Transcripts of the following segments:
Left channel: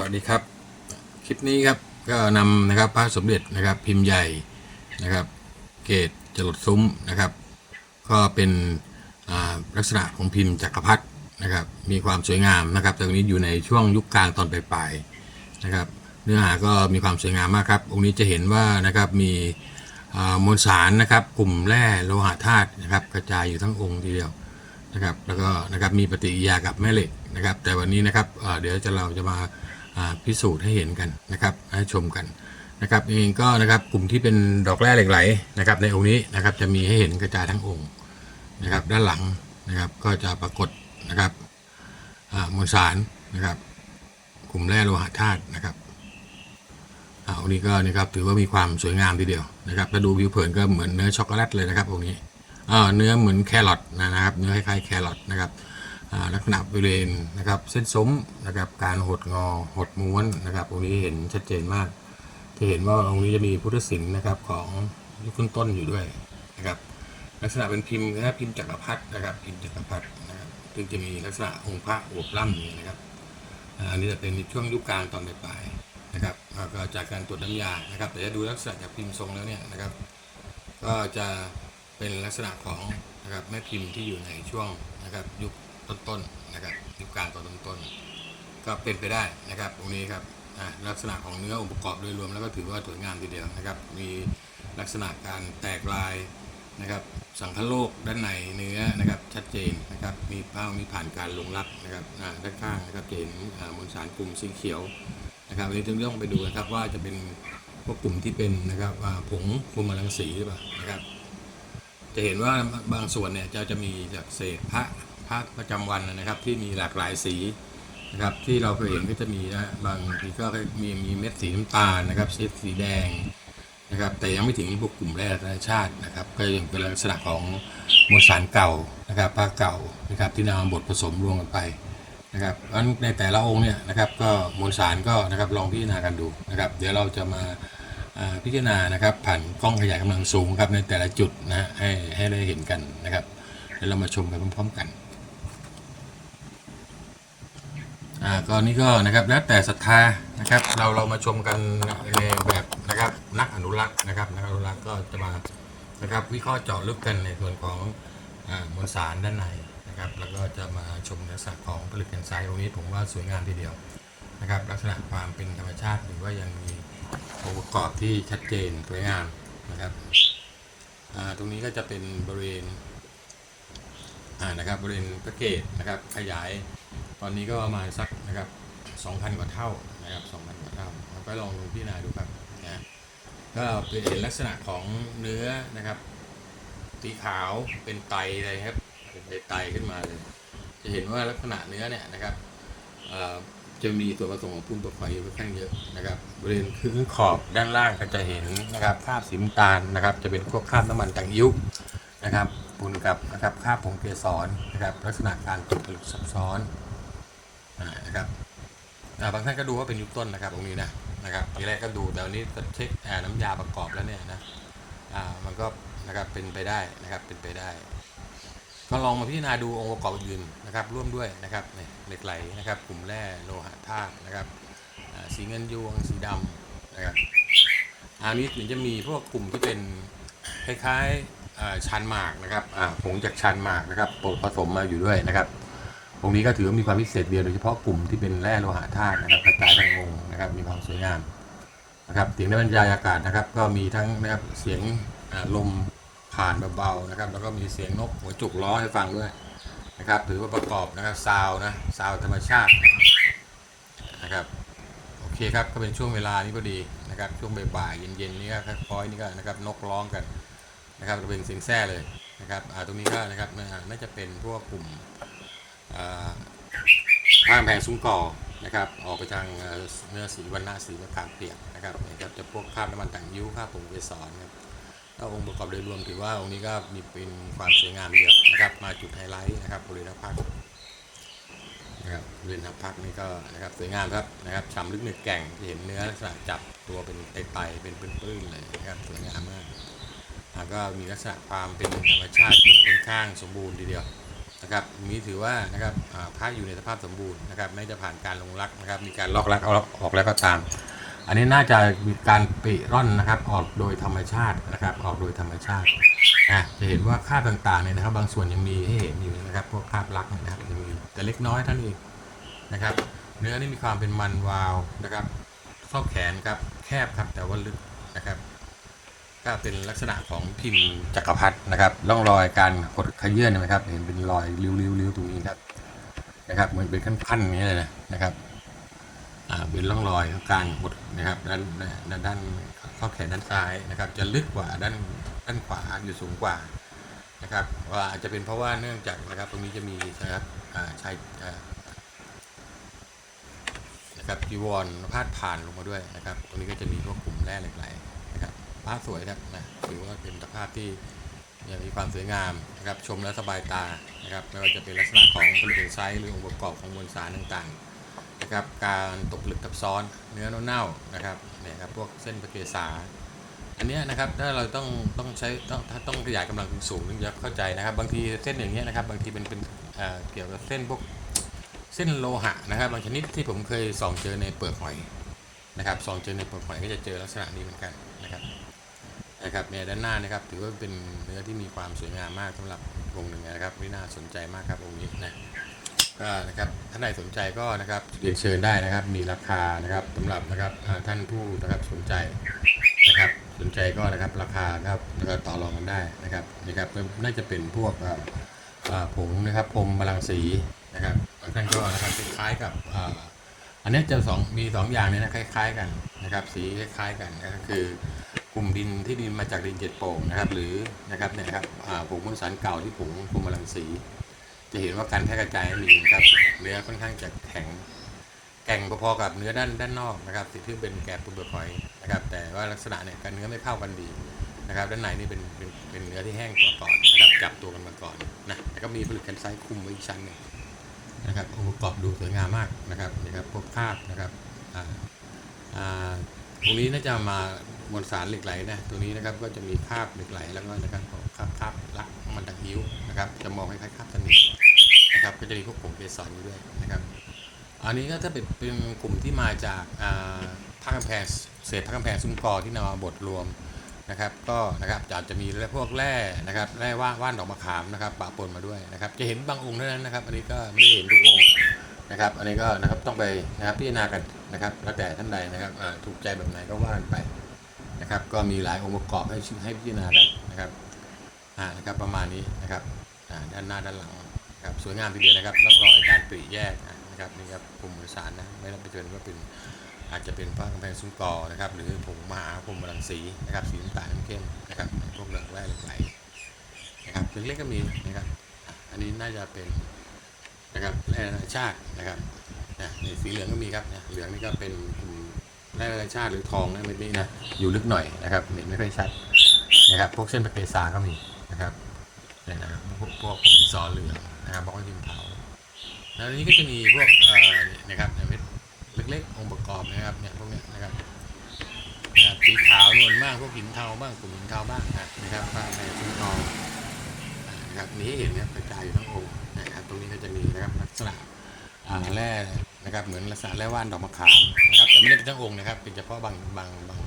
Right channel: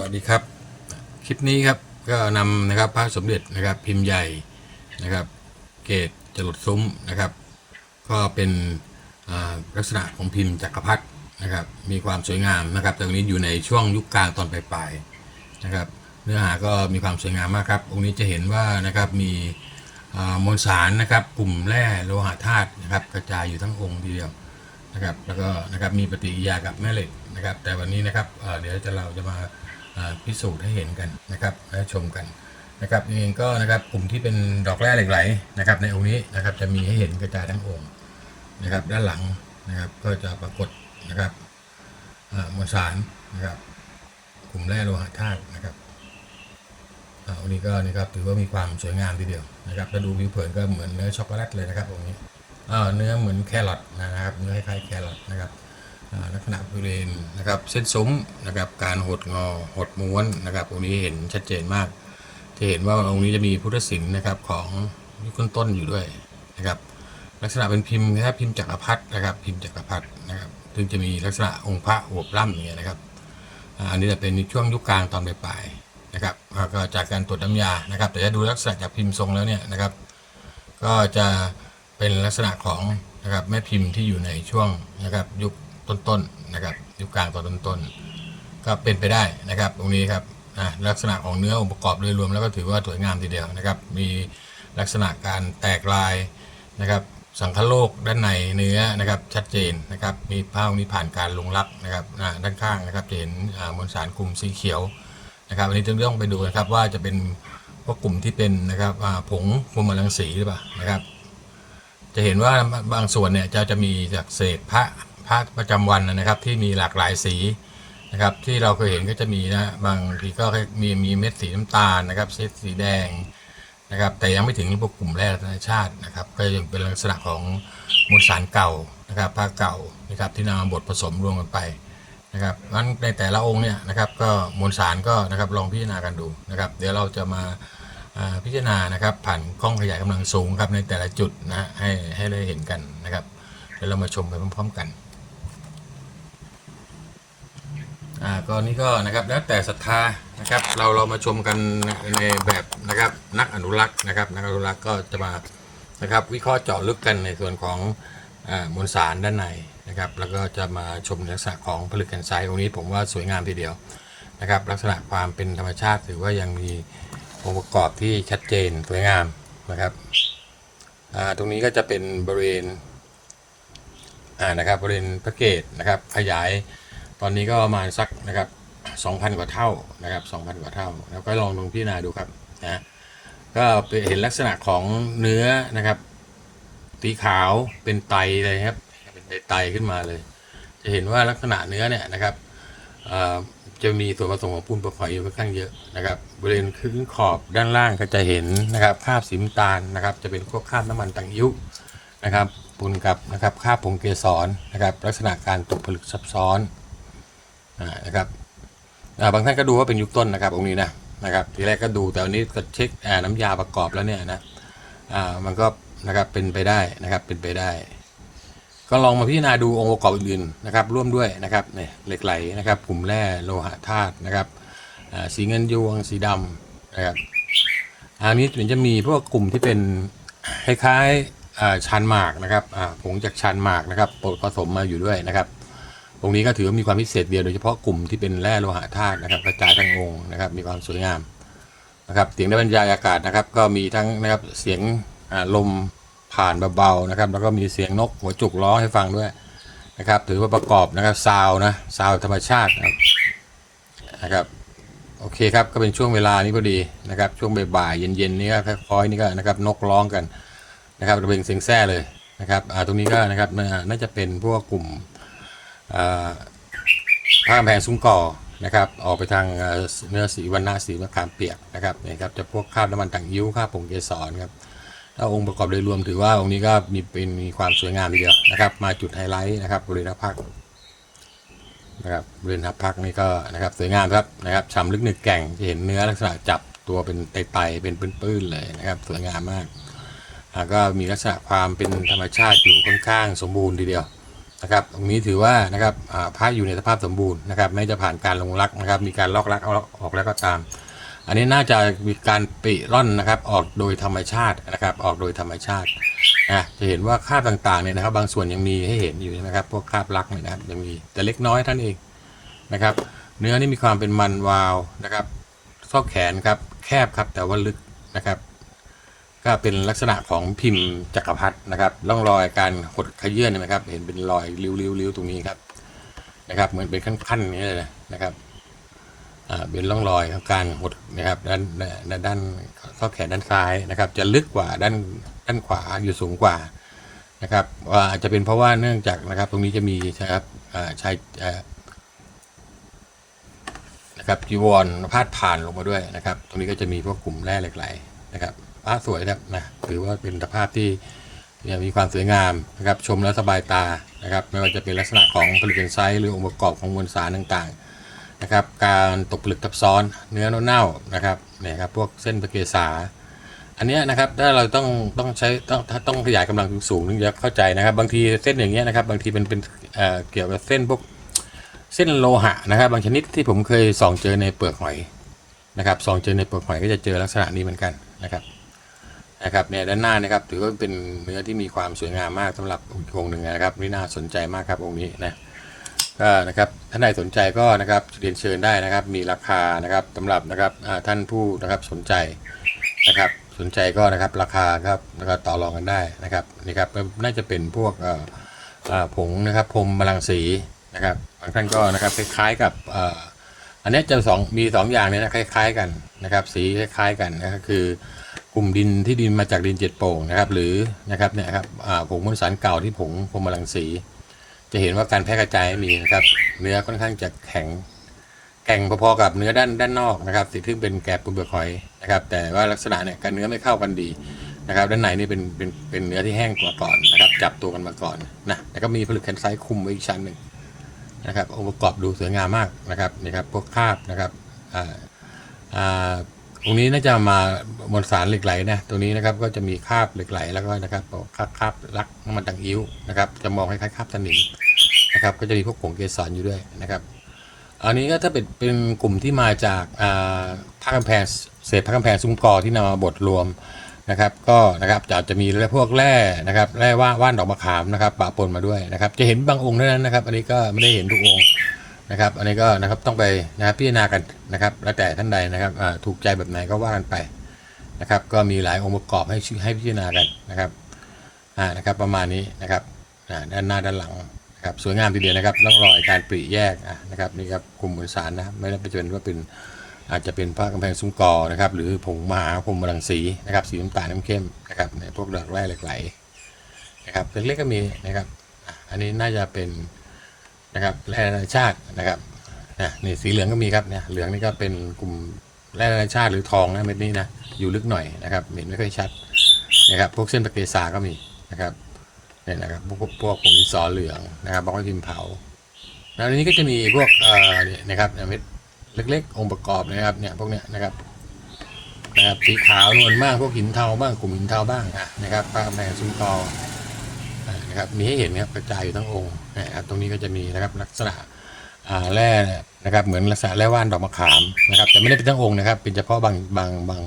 สวัสดีครับ คลิปนี้ครับก็นำนะครับพระสมเด็จนะครับพิมพ์ใหญ่นะครับ เกตจรดซุ้มนะครับ ก็เป็นลักษณะของพิมพ์จักรพรรดินะครับ มีความสวยงามนะครับแต่ตรงนี้อยู่ในช่วงยุคกลางตอนปลายๆนะครับ เนื้อหาก็มีความสวยงามมากครับองค์นี้จะเห็นว่านะครับมีมวลสารนะครับ กลุ่มแร่โลหะธาตุนะครับ กระจายอยู่ทั้งองค์ทีเดียวนะครับ แล้วก็นะครับมีปฏิกิริยากับแม่เหล็กนะครับ แต่วันนี้นะครับเดี๋ยวจะเราจะมา พิสูจน์ให้เห็นกันนะครับให้ชมกันนะครับเองก็นะครับกลุ่มที่เป็นดอกแร่เหล็กไหลนะครับในองค์นี้นะครับจะมีให้เห็นกระจายทั้งองค์นะครับ ด้านหลังนะครับก็จะปรากฏนะครับอ่ามวลสารนะครับ กลุ่มแร่โลหะธาตุนะครับอ่าองค์นี้ก็นะครับถือว่ามีความสวยงามทีเดียวนะครับถ้าดูผิวเผินก็เหมือนเนื้อช็อกโกแลตเลยนะครับองค์นี้อ่าเนื้อเหมือนแครอทนะครับ เนื้อคล้ายๆแครอทนะครับ ลักษณะบริเวณนะครับเส้นซุ้มนะครับการหดงอหดม้วนนะครับองค์นี้เห็นชัดเจนมาก จะเห็นว่าองค์นี้จะมีพุทธศิลป์นะครับของยุคต้นอยู่ด้วยนะครับลักษณะเป็นพิมพ์นะครับพิมพ์จักรพรรดินะครับพิมพ์จักรพรรดินะครับซึ่งจะมีลักษณะองค์พระอวบล่ำอย่างเงี้ยนะครับอันนี้จะเป็นในช่วงยุคกลางตอนปลายๆนะครับก็จากการตรวจน้ำยานะครับ แต่จะดูลักษณะจากพิมพ์ทรงแล้วเนี่ยนะครับ ก็จะเป็นลักษณะของนะครับแม่พิมพ์ที่อยู่ในช่วงนะครับยุค ต้นๆนะครับยุคกลางตอนต้นๆก็เป็นไปได้นะครับ ตรงนี้ครับลักษณะของเนื้อองค์ประกอบโดยรวมแล้วก็ถือว่าสวยงามทีเดียวนะครับ มีลักษณะการแตกลายนะครับ สังคโลกด้านในเนื้อนะครับชัดเจนนะครับ มีผ้านี้ผ่านการลงลักนะครับด้านข้างนะครับจะเห็นมวลสารกลุ่มสีเขียวนะครับอันนี้ต้องไปดูนะครับว่าจะเป็นพวกกลุ่มที่เป็นนะครับผงมุมรังสีหรือเปล่านะครับ จะเห็นว่าบางส่วนเนี่ยจะจะมีจากเศษพระ พระประจำวันนะครับ ที่มีหลากหลายสีนะครับ ที่เราเคยเห็นก็จะมีนะบางทีก็มีมีเม็ดสีน้ำตาลนะครับเม็ดสีแดงนะครับ แต่ยังไม่ถึงพวกกลุ่มแร่ธรรมชาตินะครับ ก็ยังเป็นลักษณะของมวลสารเก่านะครับผ้าเก่านะครับที่นำมาบดผสมรวมกันไปนะครับงั้นในแต่ละองค์เนี่ยนะครับ ก็มวลสารก็นะครับลองพิจารณากันดูนะครับ เดี๋ยวเราจะมาพิจารณานะครับ ผ่านกล้องขยายกำลังสูงครับในแต่ละจุดนะฮะให้ให้ได้เห็นกันนะครับเดี๋ยวเรามาชมไปพร้อมๆกัน อ่าก็นี่ก็นะครับแล้วแต่ศรัทธานะครับ เราเรามาชมกันในแบบนะครับนักอนุรักษ์นะครับนักอนุรักษ์ก็จะมานะครับวิเคราะห์เจาะลึกกันในส่วนของอ่ามวลสารด้านในนะครับแล้วก็จะมาชมลักษณะของผลึกแกนไซต์ตรงนี้ผมว่าสวยงามทีเดียวนะครับลักษณะความเป็นธรรมชาติถือว่ายังมีองค์ประกอบที่ชัดเจนสวยงามนะครับอ่าตรงนี้ก็จะเป็นบริเวณอ่านะครับบริเวณพระเกตนะครับขยาย ตอนนี้ก็ประมาณสักนะครับ2,000 กว่าเท่านะครับ2,000 กว่าเท่า แล้วก็ลองลงพิจารณาดูครับนะก็เห็นลักษณะของเนื้อนะครับสีขาวเป็นไตเลยครับเป็นไตขึ้นมาเลย จะเห็นว่าลักษณะเนื้อเนี่ยนะครับจะมีส่วนผสมของปูนประหอยอยู่ค่อนข้างเยอะนะครับบริเวณพื้นขอบด้านล่างก็จะเห็นนะครับคราบสีน้ำตาลนะครับ จะเป็นพวกคราบน้ำมันต่างอิ้วนะครับปูนกับนะครับคราบผงเกสรนะครับ ลักษณะการตกผลึกซับซ้อน นะครับบางท่านก็ดูว่าเป็นยุคต้นนะครับองค์นี้นะนะครับทีแรกก็ดูแต่วันนี้ก็เช็คน้ำยาประกอบแล้วเนี่ยนะมันก็นะครับเป็นไปได้นะครับเป็นไปได้ ก็ลองมาพิจารณาดูองค์ประกอบอื่นๆนะครับร่วมด้วยนะครับเนี่ยเหล็กไหลนะครับกลุ่มแร่โลหะธาตุนะครับสีเงินยวงสีดำนะครับอันนี้มันจะมีพวกกลุ่มที่เป็นคล้ายๆชันหมากนะครับผงจากชันหมากนะครับผสมมาอยู่ด้วยนะครับ ตรงนี้ก็ถือว่ามีความพิเศษเดียวโดยเฉพาะกลุ่มที่เป็นแร่โลหะธาตุนะครับกระจายทั้งองค์นะครับ มีความสวยงามนะครับเสียงได้บรรยายอากาศนะครับ ก็มีทั้งนะครับเสียงลมผ่านเบาๆนะครับ แล้วก็มีเสียงนกหัวจุกร้องให้ฟังด้วยนะครับ ถือว่าประกอบนะครับซาวนะซาวธรรมชาตินะครับโอเคครับก็เป็นช่วงเวลานี้พอดีนะครับช่วงบ่ายๆเย็นๆนี้ก็ค่อยๆนี่ก็นะครับนกร้องกันนะครับระเบงเสียงแซ่เลยนะครับอ่าตรงนี้ก็นะครับน่าจะเป็นพวกกลุ่ม อ่าผ้ากำแพงซุ้มก่อนะครับออกไปทางเนื้อสีวันนาสีมะขามเปียกนะครับนี่ครับจะพวกคราบน้ำมันต่างยิ้วคราบผงเกสรครับถ้าองค์ประกอบโดยรวมถือว่าองค์นี้ก็มีเป็นมีความสวยงามทีเดียวนะครับ มาจุดไฮไลท์นะครับบริเวณพักนะครับบริเวณพักนี่ก็นะครับสวยงามครับนะครับฉ่ำลึกหนึกแก่งที่เห็นเนื้อลักษณะจับตัวเป็นไตๆเป็นปื้นๆเลยนะครับสวยงามมากแล้วก็มีลักษณะความเป็นธรรมชาติอยู่ค่อนข้างสมบูรณ์ทีเดียว นะครับตรงนี้ถือว่านะครับอ่าพระอยู่ในสภาพสมบูรณ์นะครับไม่จะผ่านการลงรักนะครับมีการลอกรักเอาออกแล้วก็ตาม อันนี้น่าจะมีการปิร่อนนะครับออกโดยธรรมชาตินะครับออกโดยธรรมชาตินะจะเห็นว่าคราบต่างๆเนี่ยนะครับ บางส่วนยังมีให้เห็นอยู่นะครับ พวกคราบรักเนี่ยนะครับยังมีแต่เล็กน้อยเท่านนเองนะครับ เนื้อนี่มีความเป็นมันวาวนะครับ ซอกแขนครับแคบครับแต่ว่าลึกนะครับ ก็เป็นลักษณะของพิมพ์จักรพรรดินะครับร่องรอยการหดขยื่นนไหมครับ เห็นเป็นรอยริ้วๆตรงนี้ครับนะครับเหมือนเป็นขั้นๆอย่างนี้เลยนะครับอ่าเป็นร่องรอยของการหดนะครับด้านด้านข้อแขนด้านซ้ายนะครับ จะลึกกว่าด้านด้านขวาอยู่สูงกว่านะครับว่าอาจจะเป็นเพราะว่าเนื่องจากนะครับ ตรงนี้จะมีนะครับชายนะครับจีวรพาดผ่านลงมาด้วยนะครับ ตรงนี้ก็จะมีพวกกลุ่มแร่เหล็กไหลนะครับ ระสวยนะครับนะถือว่าเป็นสภาพที่มีความสวยงามนะครับชมแล้วสบายตานะครับไม่ว่าจะเป็นลักษณะของผลิตไซส์หรือองค์ประกอบของมวลสารต่างๆนะครับการตกผลึกทับซ้อนเนื้อเน่าๆนะครับเนี่ยครับพวกเส้นประเกษาอันเนี้ยนะครับถ้าเราต้องต้องใช้ต้องถ้าต้องขยายกำลังสูงๆถึงจะเข้าใจนะครับ บางทีเส้นอย่างเงี้ยนะครับบางทีเป็นเป็นเเกี่ยวกับเส้นพวกเส้นโลหะนะครับ บางชนิดที่ผมเคยส่องเจอในเปลือกหอยนะครับส่องเจอในเปลือกหอยก็จะเจอลักษณะนี้เหมือนกันนะครับ นะครับเนี่ยด้านหน้านะครับถือว่าเป็นเนื้อที่มีความสวยงามมากสำหรับองค์หนึ่งนะครับนี่น่าสนใจมากครับองค์นี้นะก็นะครับท่านใดสนใจก็นะครับเรียนเชิญได้นะครับ มีราคานะครับสำหรับนะครับท่านผู้นะครับสนใจนะครับสนใจก็นะครับราคาครับแล้วก็ต่อรองกันได้นะครับนี่ครับก็น่าจะเป็นพวกผงนะครับพรมบาลังสีนะครับบางท่านก็นะครับคล้ายๆกับอันนี้จะสองมีสองอย่างเนี่ยนะคล้าย ๆ กันนะครับ สีคล้ายๆกันนะก็คือ ลุ่มดินที่ดินมาจากดินเจ็ดโป่งนะครับหรือนะครับเนี่ยครับผงมวลสารเก่าที่ผงพรมลังสี จะเห็นว่าการแพร่กระจายมีนะครับเนื้อค่อนข้างจะแข็งแก่งพอๆกับเนื้อด้านด้านนอกนะครับสิ่งที่เป็นแกบปุเปลือกหอยนะครับแต่ว่าลักษณะเนี่ยการเนื้อไม่เข้ากันดีนะครับด้านในนี่เป็นเป็นเป็นเนื้อที่แห้งกว่าก่อนนะครับจับตัวกันมาก่อนนะแล้วก็มีผลึกแคนไซต์คุมไว้อีกชั้นหนึ่งนะครับองค์ประกอบดูสวยงามมากนะครับนี่ครับพวกคราบนะครับอ่าอ่า ตรงนี้น่าจะมามวลสารเหล็กไหลนะตรงนี้นะครับก็จะมีคราบเหล็กไหลแล้วก็นะครับคราบคราบลักน้ำมันตังอิ้วนะครับจะมองคล้ายๆคราบสนิมนะครับก็จะมีพวกผงเกสรอยู่ด้วยนะครับ อันนี้ก็ถ้าเป็นเป็นกลุ่มที่มาจากอ่าภาคกำแพงเศษภาคกำแพงซุ้มกอที่นำมาบดรวมนะครับก็นะครับจะจะมีพวกแร่นะครับแร่ว่านว่านดอกมะขามนะครับปะปนมาด้วยนะครับ จะเห็นบางองค์เท่านั้นนะครับ อันนี้ก็ไม่ได้เห็นทุกองค์ นะครับ อันนี้ก็นะครับต้องไปนะครับพิจารณากันนะครับ แล้วแต่ท่านใดนะครับถูกใจแบบไหนก็ว่ากันไปนะครับ ก็มีหลายองค์ประกอบให้ให้พิจารณากันนะครับอ่านะครับประมาณนี้นะครับอ่าด้านหน้าด้านหลังนะครับสวยงามทีเดียวนะครับร่องรอยการปริแยกนะครับนี่ครับกลุ่มมวลสารนะไม่ได้เป็นว่าเป็นอาจจะเป็นผ้ากำแพงซุ้มกอนะครับ หรือผงมหาพรมรังสีนะครับสีน้ำตาลน้ำเข้มนะครับในพวกดอกแร่เหล็กไหลนะครับเล็กๆก็มีนะครับ อันนี้น่าจะเป็น นะครับแร่นานาชาตินะครับนะนี่สีเหลืองก็มีครับเนี่ยเหลืองนี่ก็เป็นกลุ่มแร่นานาชาติหรือทองนะเม็ดนี้นะอยู่ลึกหน่อยนะครับเห็นไม่ค่อยชัดนะครับพวกเส้นประเกษาก็มีนะครับเนี่ยนะครับพวกพวกผงดินสอเหลืองนะครับบล็อกพิมเผาแล้วอันนี้ก็จะมีพวกเอ่อเนี่ยนะครับเม็ดเล็กๆ องค์ประกอบนะครับเนี่ยพวกเนี้ยนะครับนะครับสีขาวนวลมากพวกหินเทาบ้างกลุ่มหินเทาบ้างอะนะครับปลาแมงซุ้มตอ นะครับ มีให้เห็นนะครับกระจายอยู่ทั้งองค์นะครับตรงนี้ก็จะมีนะครับลักษณะแร่นะครับเหมือนลักษณะแร่ว่านดอกมะขามนะครับแต่ไม่ได้เป็นทั้งองค์นะครับเป็นเฉพาะบางบางบาง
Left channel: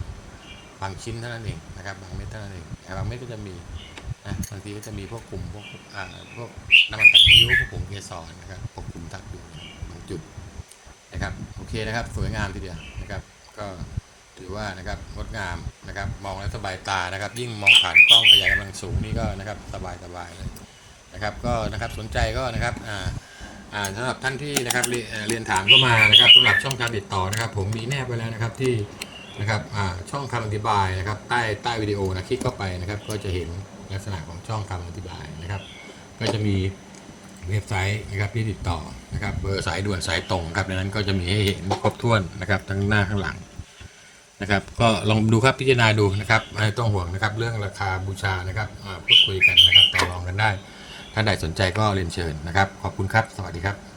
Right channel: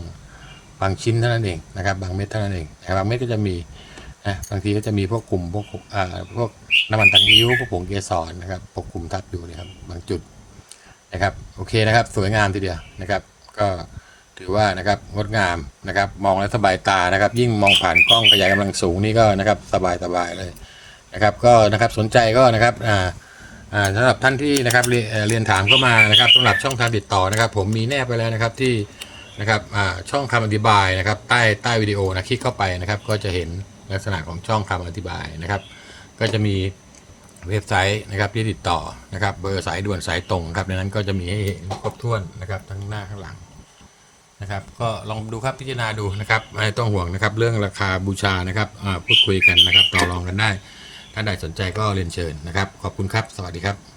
บางชิ้นเท่านั้นเองนะครับบางเม็ดเท่านั้นเองแต่บางเม็ดก็จะมีนะบางทีก็จะมีพวกกลุ่มพวกอ่าพวกน้ำมันตังยิ้วพวกผงเกสรนะครับปกกลุ่มทับอยู่นะครับบางจุดนะครับโอเคนะครับ สวยงามทีเดียวนะครับ ก็ ถือว่านะครับงดงามนะครับ มองแล้วสบายตานะครับ ยิ่งมองผ่านกล้องขยายกำลังสูงนี่ก็นะครับสบายสบายเลยนะครับ ก็นะครับสนใจก็นะครับอ่าอ่าสำหรับท่านที่นะครับเรียนเรียนถามเข้ามานะครับสำหรับช่องทางติดต่อนะครับ ผมมีแนบไปแล้วนะครับที่นะครับอ่าช่องคำอธิบายนะครับ ใต้ใต้วิดีโอนะคลิกเข้าไปนะครับ ก็จะเห็นลักษณะของช่องคำอธิบายนะครับ ก็จะมีเว็บไซต์นะครับที่ติดต่อนะครับเบอร์สายด่วนสายตรงครับในนั้นก็จะมีให้เห็นครบถ้วนนะครับทั้งหน้าข้างหลัง นะครับก็ลองดูครับพิจารณาดูนะครับไม่ต้องห่วงนะครับเรื่องราคาบูชานะครับพูดคุยกันนะครับต่อรองกันได้ท่านใดสนใจก็เรียนเชิญนะครับ ขอบคุณครับ สวัสดีครับ